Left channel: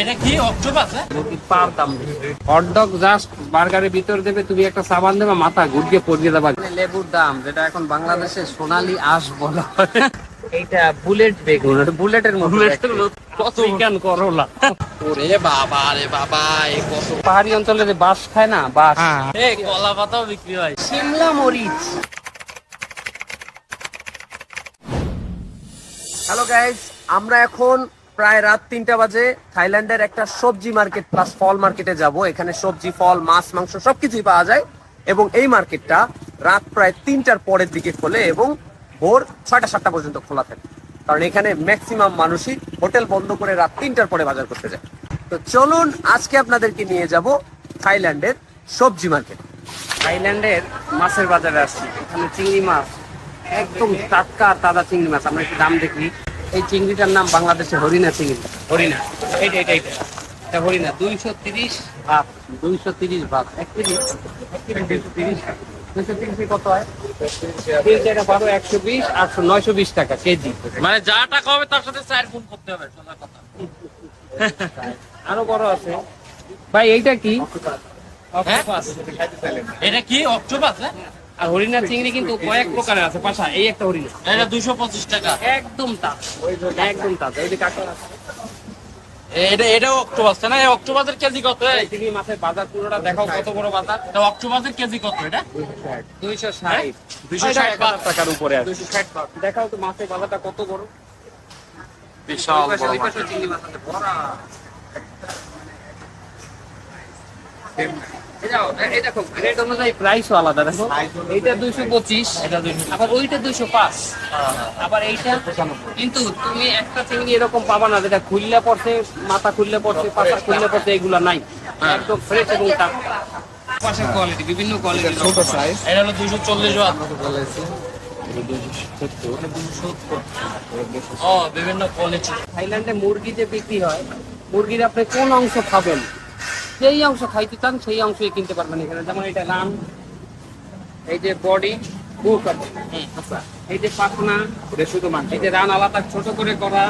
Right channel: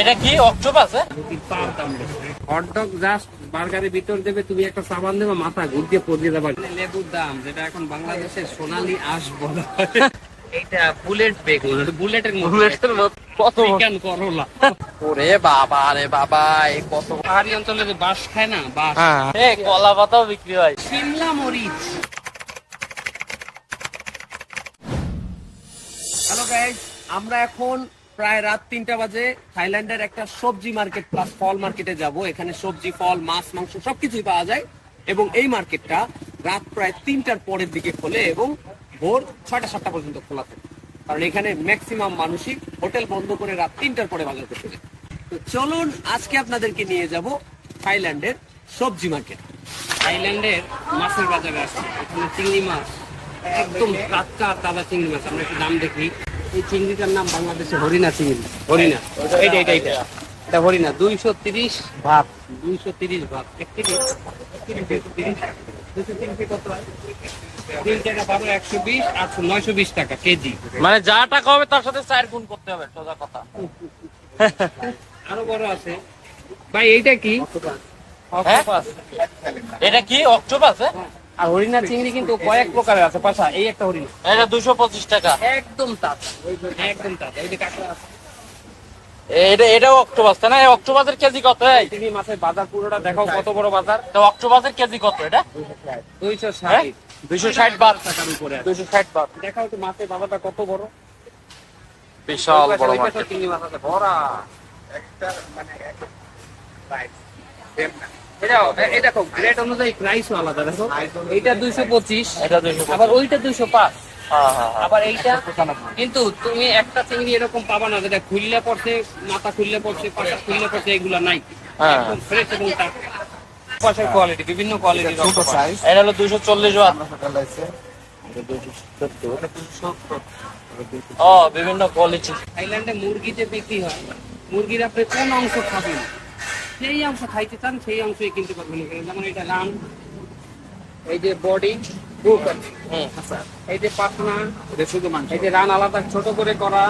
এটা কি অক্টোপাস? পার দাম হটডগ জাস্ট বার্গারের ভিতর দেবে, তুমি একটা সাবান দেবে, মাথা ঘুরিয়ে পড়িয়ে দেবা। লেবুর দাম যেটা এখন বাংলাদেশে সোনালী আঁশ বলা হয়, এইটা বুলেট বেগুন, বুলেটের মতো কত কেন করলা। ওরে বাবা রে বাবা, এই কত পাহাড়ি অঞ্চলে যে বাঁশ খায় না, বাঁশ, এই কলা পাতাও বিক্রি হয়। শিমলা মরিচ। হ্যালো গাইজ, আমরা এখন প্রায় রাত 3টা বাজে থাইল্যান্ডের একটা সবজি মার্কেট প্লাস ফল মার্কেটে যাব। এখানে সবজি, ফল, মাছ, মাংস সবকিছুই পাওয়া যায় এবং এই মার্কেটটা রাত প্রায় 3টার পরের দিকে খোলে এবং ভোর 6টা-7টা পর্যন্ত খোলা থাকে, কারণ এখানে ম্যাক্সিমাম মানুষই হোটেল বন্ধ করে রাত 3টার পরে বাজার করতে যায়। তো চলুন আজকে আপনাদেরকে নিয়ে যাব থাইল্যান্ডের সবজি মার্কেট। থাইল্যান্ডের মাছের বাজারে আসছি। এখানে চিংড়ি মাছ একদম টাটকা আর তাজা চিংড়ি মাছ। আমরা একটু দাম দেখি। এই চিংড়িটার নাম বাংলাদেশে হরিণা চিংড়ি। হরিণা, এটা হরিণা। 230 ভাত, 230 ভাত, 1 কেজি 230। 230 কত হয়? 3 টাকা 12, 120, 800, 920 টাকা কেজি। মানে যা টাকা হবে তার সাথে 4 গুণ করতে হবে, সোজা কথা। আরো বড় আছে ভাই। এইটা কি? হ্যাঁ? এটা কি অক্টোপাস? আর হরিণা চিংড়ি কিন্তু কয়েক প্রকারের আছে। পাশা এই একটা হরিণা, এটা 225 টাকা। একদম তাজা, একদম তাজা। এই যে কাকা আছে, এটাও অক্টোপাস না? এই অক্টোপাসের কেজি কত? চিংড়ি মাছের বাজার পুরোটা দেখো, কত বড় বাজার। তো অক্টোপাসের কেজি কত এটা? 260, 260 বাত টাকার উপরে আছে। 260 বাত। দেখাও তো মাছের বাজারটা কত বড়। বিশাল বড় মার্কেট। চিংড়ি মাছ আছে ভরা। এই দেখো গ্রেড অনুযায়ী প্রাইসও আলাদা। দেখো এইটা 225, এটা 225, আবার ওইটা 205, হ্যাঁ হ্যাঁ হ্যাঁ। আবার এইটা 95। কিন্তু তুমি একটা চিংড়ি এরকম পাবা না যেটা খুললে পড়ছে, মাথা খুললে পড়ছে, পাতা খুললে পড়ছে, এগুলা নাই। একদম ফ্রেশ এবং টাটকা। পাশের কোয়ালিটি, বিভিন্ন কোয়ালিটি, ছোট সাইজ। এটা হলো 240 বাত। ও বিভিন্ন কোয়ালিটি। থাইল্যান্ডে মুরগি যে বিক্রি হয়, মুরগির আপনি কোন অংশ খাবেন, সেই অংশ খাইতে চান সেই অংশই কিনতে পারবেন এখানে। যেমন এটা রান, এই যে বডি, বুক আছে, এই যে পাখনা, এই যে রান আলাদা ছোট করে করা,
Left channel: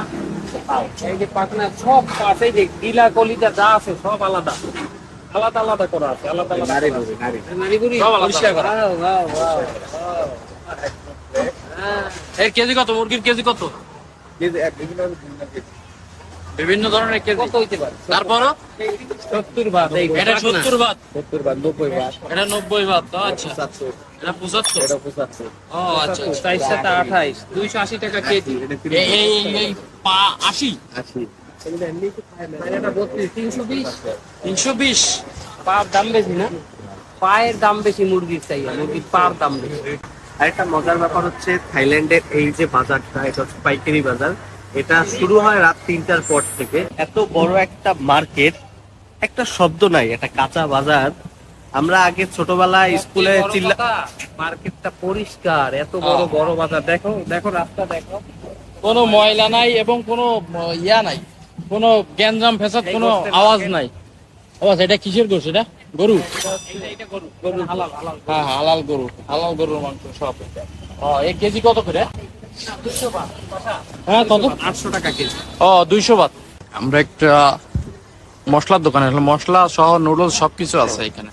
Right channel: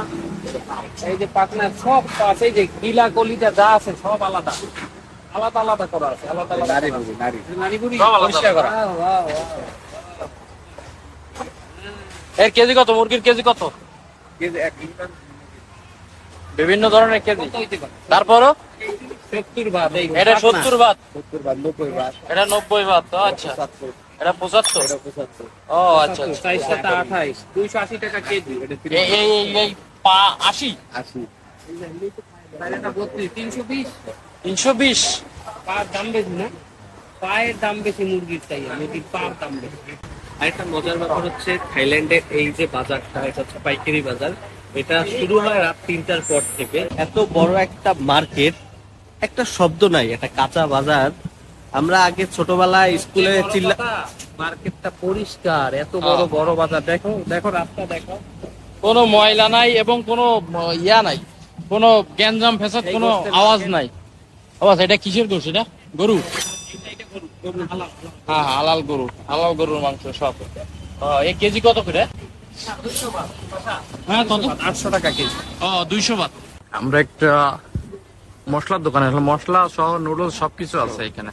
এই যে পাখনা সব পাশ, এই যে গিলা কলিজা যা আছে সব আলাদা আলাদা আলাদা করা আছে। আলাদা আলাদা নারীগুড়ি সব আলাদা পরিষ্কার করা। এর কেজি কত? মুরগির কেজি কত? বিভিন্ন ধরনের কেজি। কত হইতে পারে? তারপরও 70 বাদ। এটা 70 বাত, 90 বাদ, এটা 90 বাত। আচ্ছা, এটা 75। ও আচ্ছা আচ্ছা। 28, 280 টাকা কেজি। এই পা 80, এটা 32, 320। 320। পার দাম বেশি না? পায়ের দাম বেশি মুরগির চাইয়া, মুরগির পার দাম বেশি। আরেকটা মজার ব্যাপার হচ্ছে থাইল্যান্ডের এই যে বাজারটা, এটা হচ্ছে পাইকারি বাজার। এটা শুরু হয় রাত 3টার পর থেকে। এত বড় একটা মার্কেট, একটা শব্দ নাই, একটা কাঁচা বাজার। আমরা আগে ছোটবেলায় স্কুলে চিল্লা, মার্কেটটা পরিষ্কার, এত বড় বড় বাজার। দেখো দেখো রাস্তা দেখো, কোনো ময়লা নাই এবং কোনো ইয়া নাই, কোনো গ্যাঞ্জাম ফেসাদ, কোনো আওয়াজ নাই। আওয়াজ এটা কিসের গোশ? এটা গরু? এটা গরু, গরু হালাল, হালাল। হ্যাঁ হালাল গরু, হালাল গরুর মাংস সব। এই কেজি কত করে? 200 বাদ। হ্যাঁ কত? 800 টাকা কেজি। 200 বাত। আমরা একটা মশলার দোকানে আসলাম, মশলা সহ নুডলস সবকিছু আছে এখানে।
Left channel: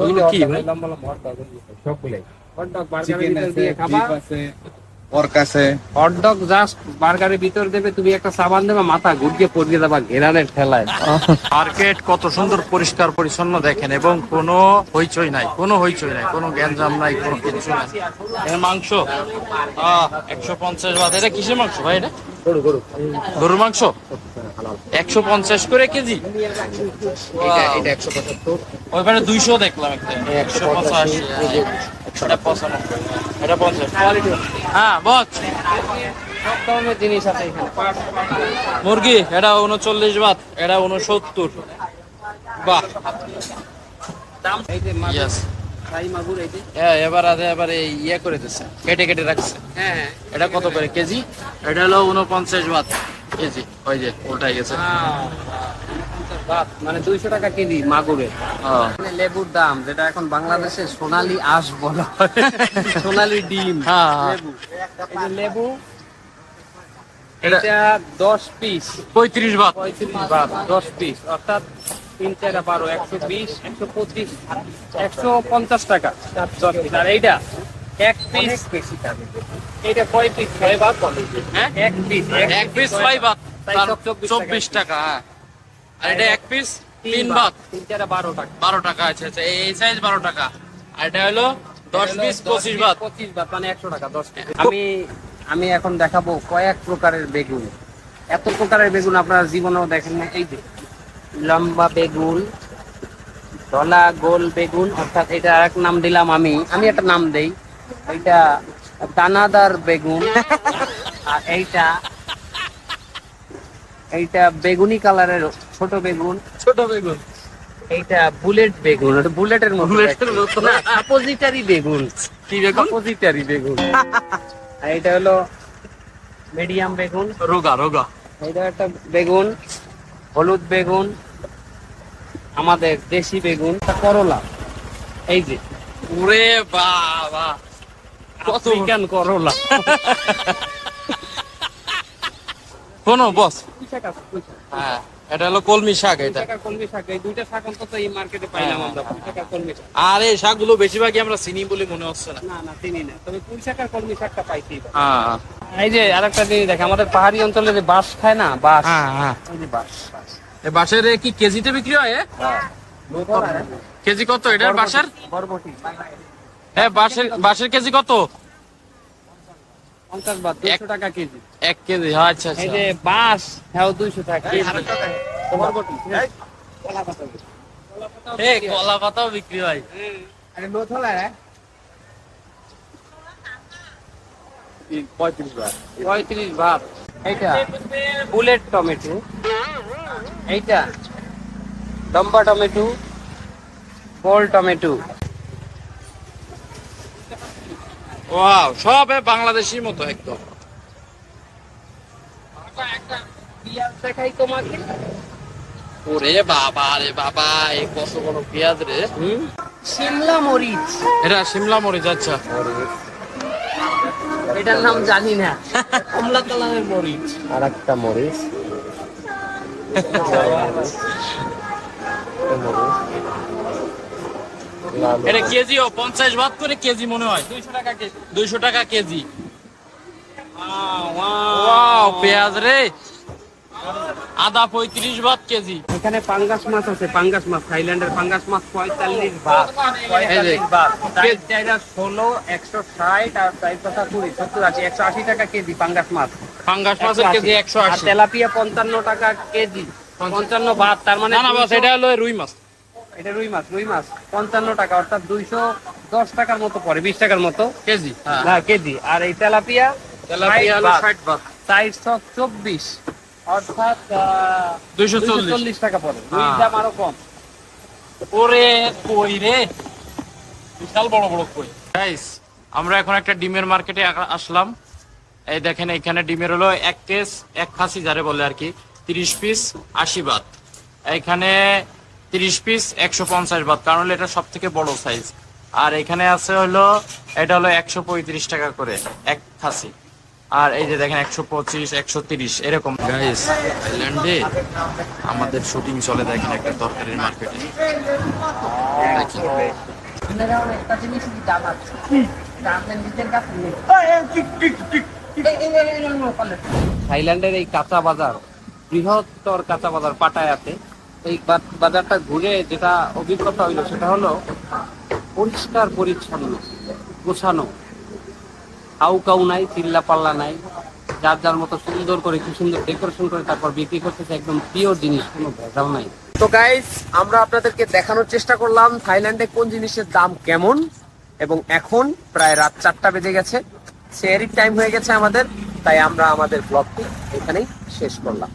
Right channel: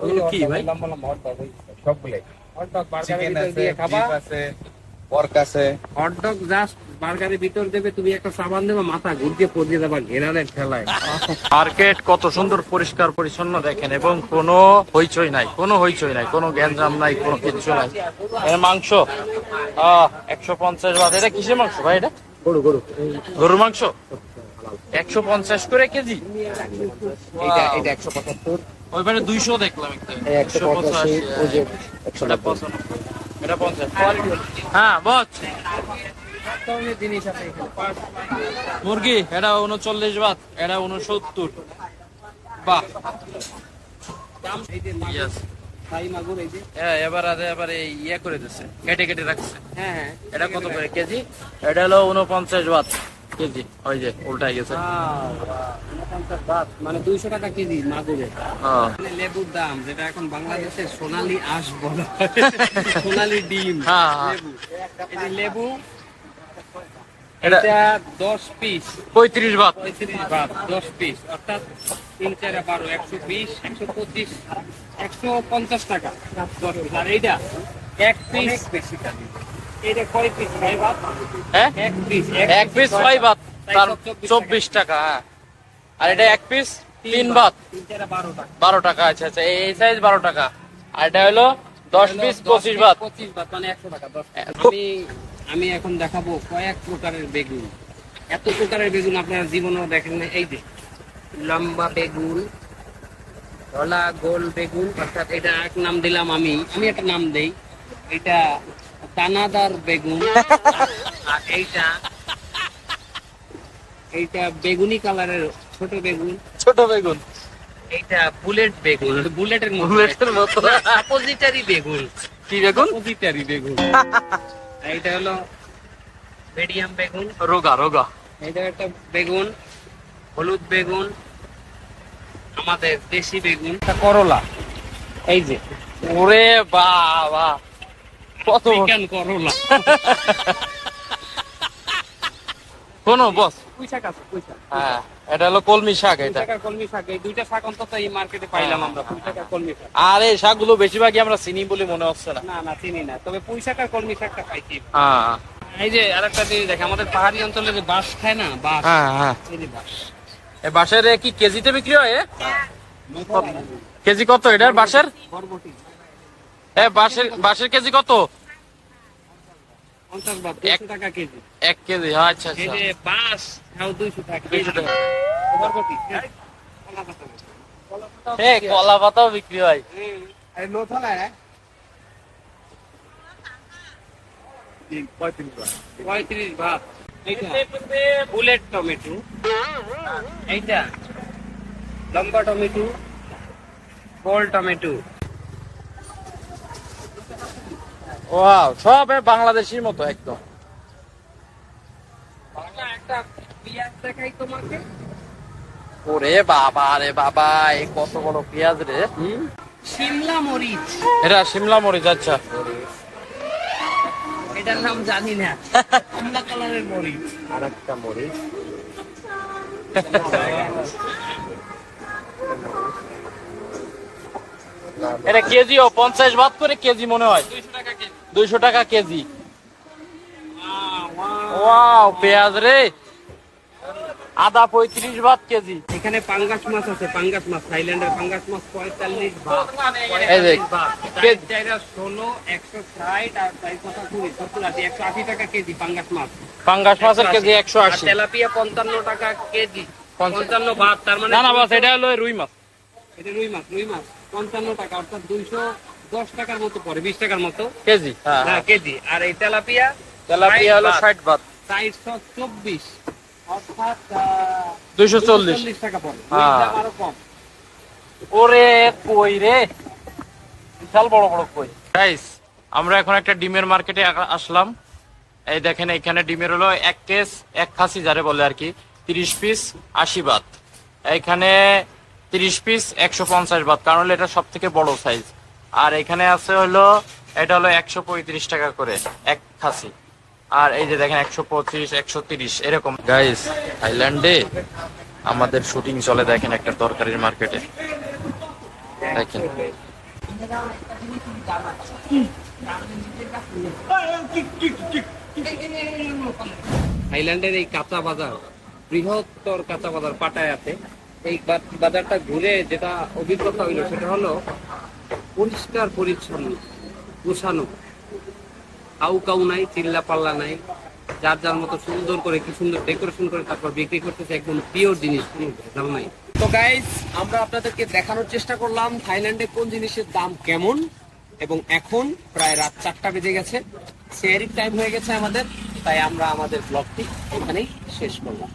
ওগুলো কি ভাই? হটডগ জাস্ট বার্গারের ভিতর দেবে, তুমি একটা সাবান দেবে, মাথা ঘুরিয়ে পড়িয়ে দেবা ঘেরানের ঠেলায়। মার্কেট কত সুন্দর পরিষ্কার পরিচ্ছন্ন দেখেন, এবং কোনো হইচই নাই, কোনো হইচই নাই, কোনো গ্যাঞ্জাম নাই, কোনো কিছু নাই। এর মাংস 150 বাত। এটা কিসের মাংস ভাই? এটা গরু, গরু, গরুর মাংস 150 করে কেজি। ওইখানে 200 দেখলাম একটা, 185, এটা 95, এটা 50। হ্যাঁ বস, সব ধরনের জিনিস আছে এখানে। মুরগি এটা 39 বাত, এটা 69। বাহ, দাম এই যে Yes. থাই মাগুর, এই যে এবার এই ইয়ে করে দিচ্ছে, কেটে কেটে রাখছে। হ্যাঁ এটা কত করে কেজি? এটা হলো 49 বাত কেজি। ওই যে উল্টাই গেছে। বাত মানে 200 টাকা কেজি মাগুরের। হ্যাঁ মানে লেবুর দাম যেটা এখন বাংলাদেশে সোনালী আঁশ বলা হয়, সোনালী ডিম হ্যাঁ, হ্যাঁ। লেবু। এই যে লেবু এটা- এটা 10 পিস 35 বাত। 35 বাত 10 পিস, অর্থাৎ 3 4 12 120 125 150 টাকা 10 পিস। আর এইটা এক পিস বেশি দাম। এইটা কয় পিস 6 বাত? হ্যাঁ এক পিস এক পিস 6 বাত, তাই তার সব 24 24 টাকা। হ্যাঁ আর এটা এক পিস 3 বাত 3 4 12 টাকা। 12 টাকা। আচ্ছা আচ্ছা, এই সাইজ 12 টাকা। আর এটা হলো 10 পিস 25 বাত। 25 বাত মানে 100 টাকা 10 পিস। খুব- আমি এখন দেখাবো কয়েক প্রকারের বেগুন। এত প্রকারের বেগুন আপনারা জীবনেও দেখেন না। এই যে লম্বা বেগুন, ধলা গোল বেগুন, অর্থাৎ এটা এক নাম দিলাম আমি একটা নাম দেই, এইটা দানাদার বেগুন। আর এইটা বেগুনি কালারের ছোট বেগুন। ছোট বেগুন। এইটা বুলেট বেগুন, এটা বুলেটের মতো। বুলেটের মতো। অপোজিটারি বেগুন। কি বেগুন? অপোজিটারি বেগুন। আর এটা হলো মিডিয়াম বেগুন। রোগা রোগা। এটা একটা বেগুন, হলুদ বেগুন, আমাদের দেশি বেগুন, একটা করলা। এই যে ওরে বাবা, কত আফ্রিকান করলা। কোন বস? পুঁই শাক আছে, পুঁই শাক। হ্যাঁ এটা হলো কলমি শাক। এটা পুঁই শাক আর কলমি শাক, এই দুইটা শাক অন্তত এই মার্কেটে পাইলাম আমরা, পুঁই শাক আর কলমি শাক। আর এই শাকগুলো বেশিরভাগই আমরা চিনি বলে মনে হচ্ছে না। না না চিনি না, তবে পুঁই শাক আর কলমি শাকটা পাইছি। হ্যাঁ এই যে আরেকটা জিনিস দেখে, আমাদের পাহাড়ি অঞ্চলে যে বাঁশ খায় না, বাঁশ, হ্যাঁ হ্যাঁ। এই যে বাঁশ। এই বাঁশের কি কেজিতে বিক্রি হয়? কেজি কত এটার বাঁশের? বরবটি হ্যাঁ বাঁশের কেজি কত? 50 বাত, 200 টাকা কেজি। 1 কেজি। আচ্ছা এই আচ্ছা। যে বাঁশ, হ্যাঁ 200 টাকা কেজি। তো বরবটি, হ্যাঁ, কলা পাতা বলি। কলা পাতা এই কলা পাতাও বিক্রি হয়। আরে লো থলা রে 35 বাত। এইটা বুলেট টমেটো, এইটা লম্বা টমেটো, গোল টমেটো। ওয়াও, সব বাংলাদেশির মতো একদম। একটা পেঁয়াজ দেখাই তোমাকে। ওরে বাবা রে বাবা, এই কত বড় পেঁয়াজ রে। শিমলা মরিচ, এটা শিমলা মরিচ। আচ্ছা এটার নাম জানি না, কমলা কালারের মরিচ। আর একটা মরিচ, এটা কেজিও 50 বাত করে কেজি মনে হয়। 200 টাকা কেজি। 200 টাকা কেজি। ওয়াও পেঁয়াজ রে। আদা 35 বাত কেজি। এখানে পাঙ্গাস মাছ আছে, পাঙ্গাস মাছ, থাইল্যান্ডের পাঙ্গাস মাছ 45 বাত। এই যে, 45 বাত। এটা 16, 160 আর 420, 70, 80, 180 টাকা কেজি পাঙ্গাস মাছ। পাঙ্গাস মাছের কেজি আর 180। তেলাপিয়া 55 টাকা কেজি, 55 বাত। তার মানে না না বাস, এটা হলো রুই মাছ। এটা রুই মাছ, 55 টাকা, অর্থাৎ 210 টাকার মতো পড়ে, 20 টাকার মতো কেজি। হ্যাঁ না কেজি। আর এই তেলাপিয়া তেলাপিয়া হলো 60 বাত। 424, অর্থাৎ 240 টাকা পড়ে। হ্যাঁ। রুইর দাম আরো কম। ওরে কই রে, বিশাল বড় বড় কই। গাইস আমরা এখন একটা ডিমের মার্কেটে আসলাম। এই দেখেন এখানে ডিমের হলো 1 কেস 1 খাসি যারে বলে আর কি, 30 পিস 80 বাত। এখানে 30 পিস 150 বাত, কারণ হলো এটা সব থেকে বড় সাইজ। আর এখানে আছে হলো, এটা হলো 135 টাকা করে 1 খাসি। আর এই যে দেখেন 125 130 এরকম। গাইস থাইল্যান্ডে আমাদের শুটিং চলে, দেখেন একটা তরকারির মার্কেটে। দেখেন একটা জিনিসই দাম আছে, দামের নিচের কাছে নেই। থাইল্যান্ডের এই কাঁচা বাজার, বৃহত্তর কাঁচা বাজার পাটায়াতে, এই বাজারটা ঘুরে যেটা অভিজ্ঞতা হইলো সেটা হলো পরিষ্কার পরিচ্ছন্ন, গোছানো, কাউ নাই, চিল্লা পাল্লা নাই, যার যার মতো সুন্দর করে, কি সুন্দর ডেকোরেশন করে তারপর বিক্রি করতেছে, একদম পিওর জিনিস, কোনো ভেজাল নাই। তো গাইস, আমরা আপনাদেরকে দেখানোর চেষ্টা করলাম থাইল্যান্ডে কোন জিনিসের দাম কেমন। এবং এখন প্রায় রাত 4টা বেজে গেছে, সেহরির টাইম হয়ে গেছে আমাদের, তাই আমরা আমাদের ব্লগটি এখানেই শেষ করলাম।